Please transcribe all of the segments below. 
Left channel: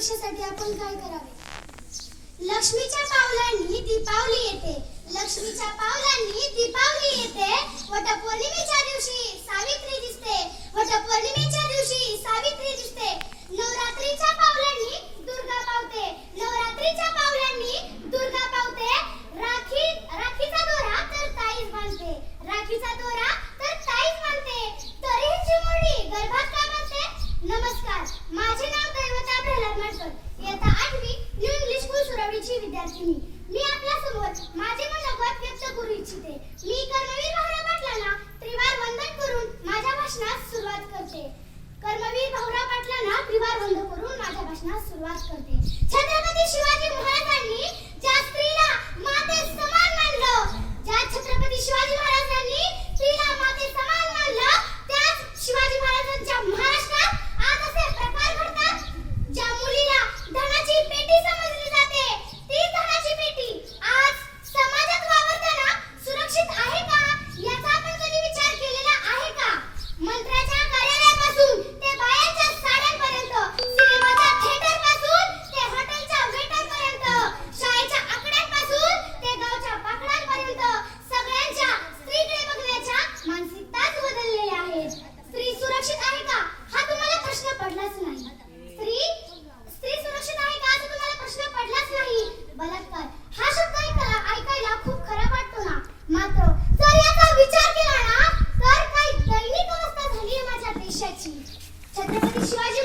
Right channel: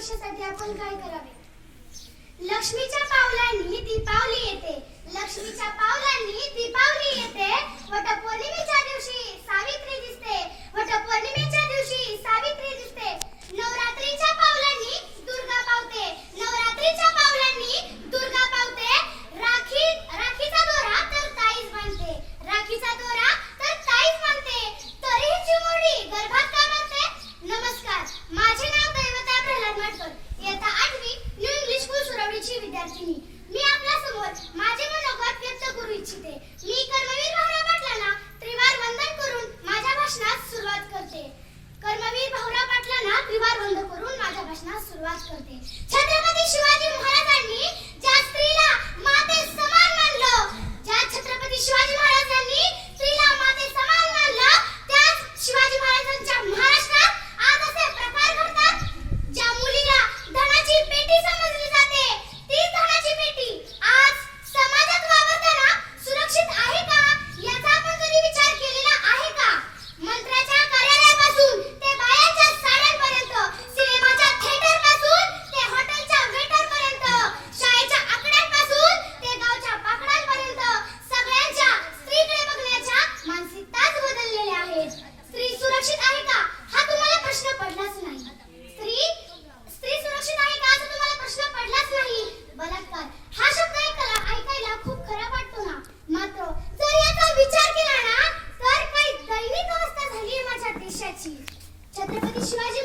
वर्षासाठी आपण काय करावे? लक्ष्मीच्या पावलांनी दीपावली येते. लक्ष्मीच्या पावलांनी दीपावली येते. वटपौर्णिमेच्या दिवशी सावित्री दिसते. वटपौर्णिमेच्या दिवशी सावित्री वाहिनी मी आपल्यासमोर माझे मनोगत व्यक्त करू इच्छिते. मी कर्मवीर भाऊराव पाटलांना त्रिवार वंदन करून माझ्या भाषणास सुरुवात करते. कर्मवीर भाऊराव पाटलांना त्रिवार वंदन करून माझ्या भाषणास सुरुवात करते. Çetrefil işi var.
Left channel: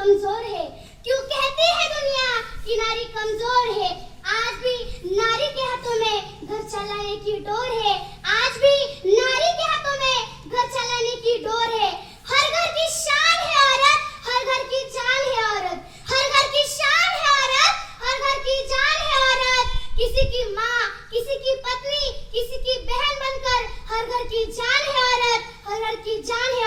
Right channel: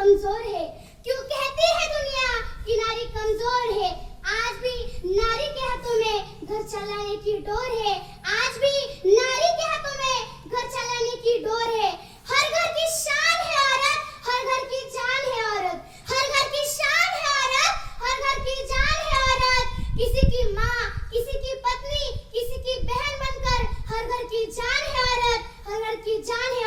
कमज़ोर है। क्यों कहती है दुनिया? कि नारी कमज़ोर है। आज भी नारी के हाथों में घर चलाने की डोर है। आज भी नारी के हाथों में घर चलाने की डोर है। हर घर की शान है औरत, हर घर की जान है औरत। हर घर की शान है औरत, हर घर की जान है औरत। किसी की माँ, किसी की पत्नी, किसी की बहन बनकर हर घर की जान है औरत, हर घर की जान है